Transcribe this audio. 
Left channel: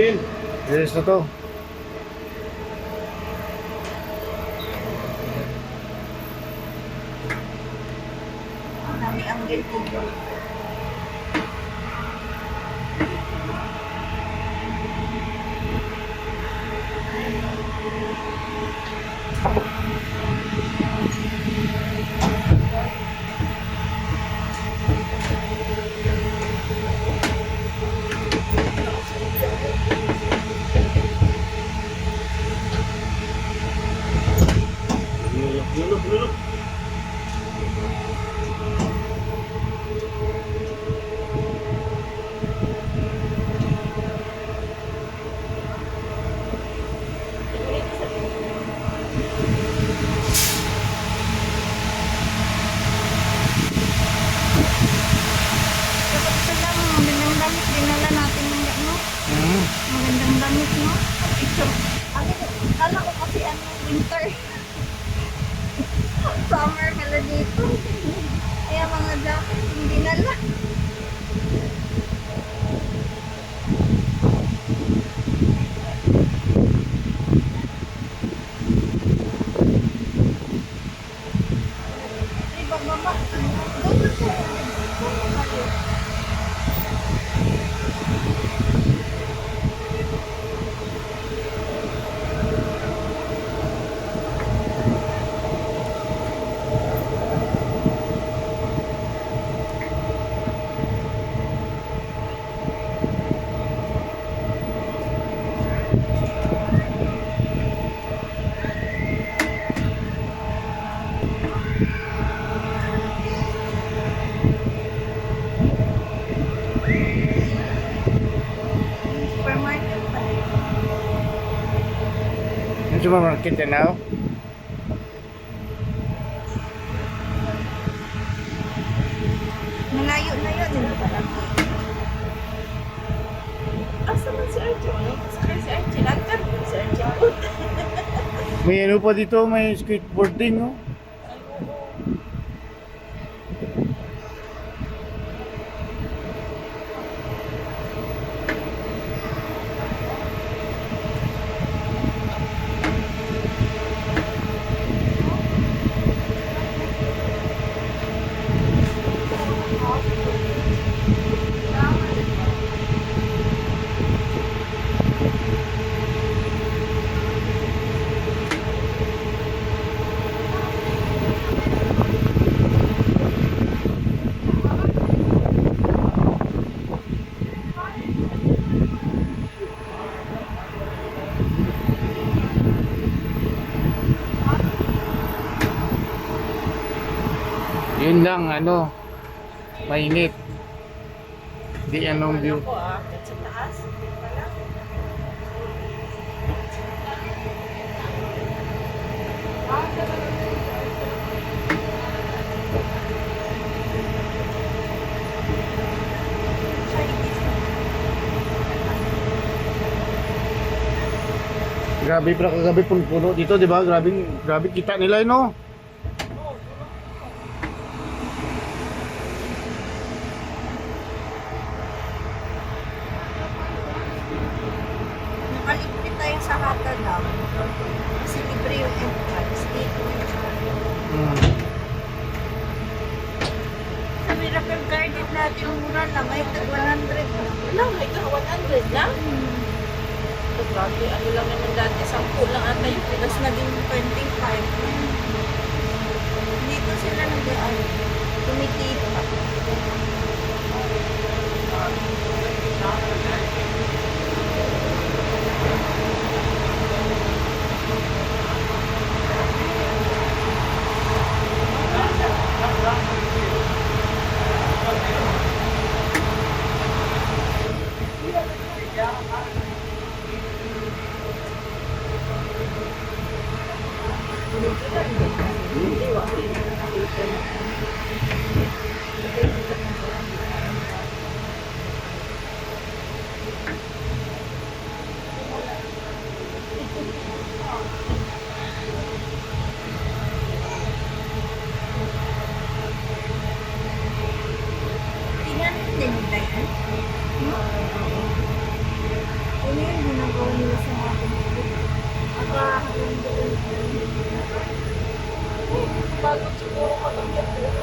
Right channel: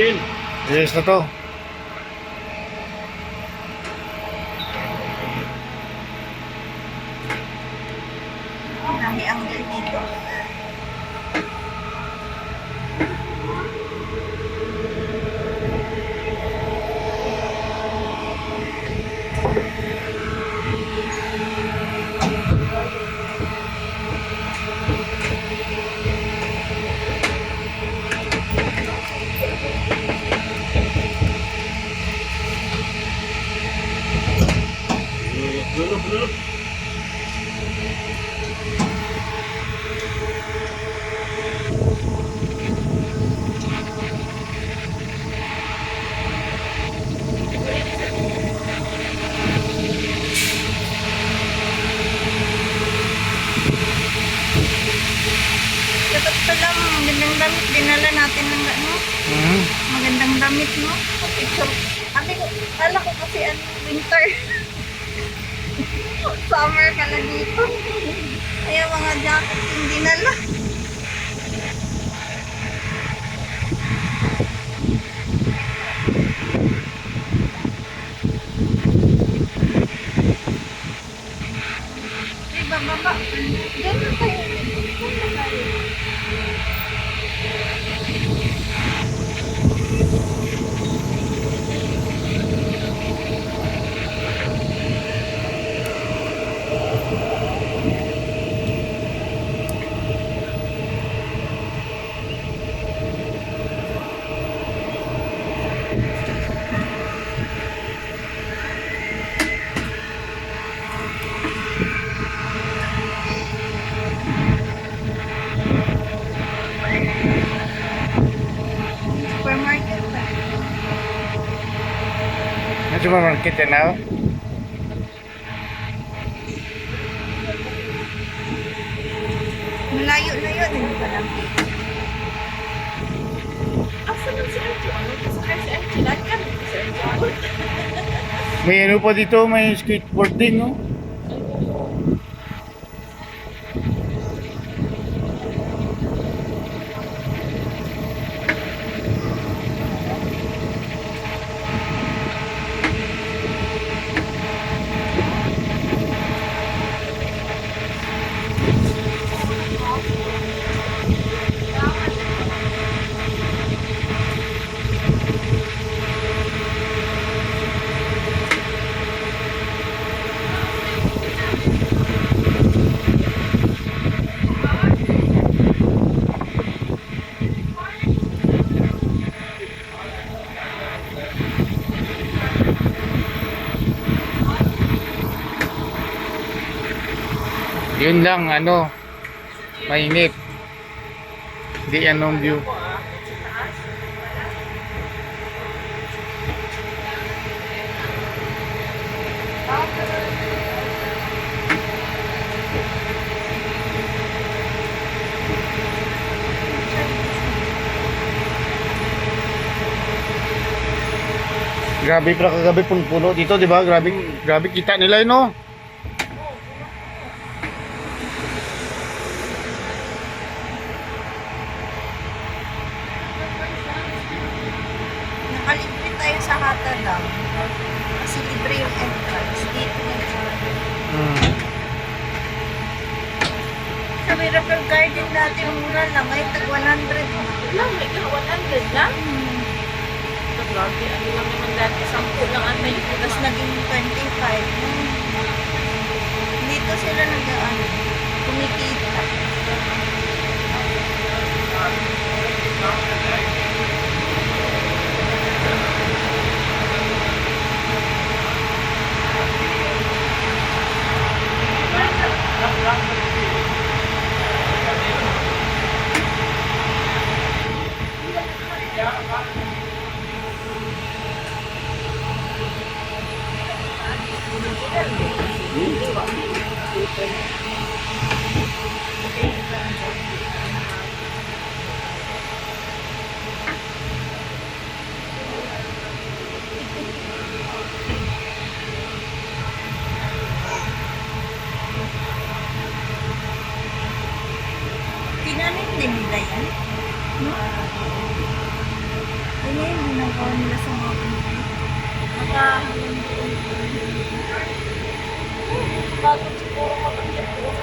Yes na to. Dami ang dito. Ito lang, magandang damit. Dinala natin ng ano. Magandang damit, no? Picture. Kala ko kasi ano, winter. Summer pala dito. Kaya mga jacket yung dinala. Ay, bababa. Dito tayo. Dito tayo. Supermarket pa. Yung supermarket yan now. Malayo na yun. Hindi pa lang. Asa man si Archie? Si Archie, lakan. Si Archie. May ano pa dito, may skateboarding, no? Yun lang, ano, mainit. Di anong view. Ako sa taas. Grabe pala kagabi puno dito, di ba? Grabe, grabe kita nila, no? Nakalibre tayo sa Hata Dam. Kasi libre yung entrance. Dito yung sa Miracle Garden natin, mura lang. Ay, tag 100. Lang, may ka 100 lang. Ito, grabe. Ano lang naman dati, 10 lang ata yun. Tapos naging 25. Dito sila nag-ano, kumikita. Tinanin din nila yan. ngayon, ginagawa nila sa mga pinili. Pagod siguro mag-akyat doon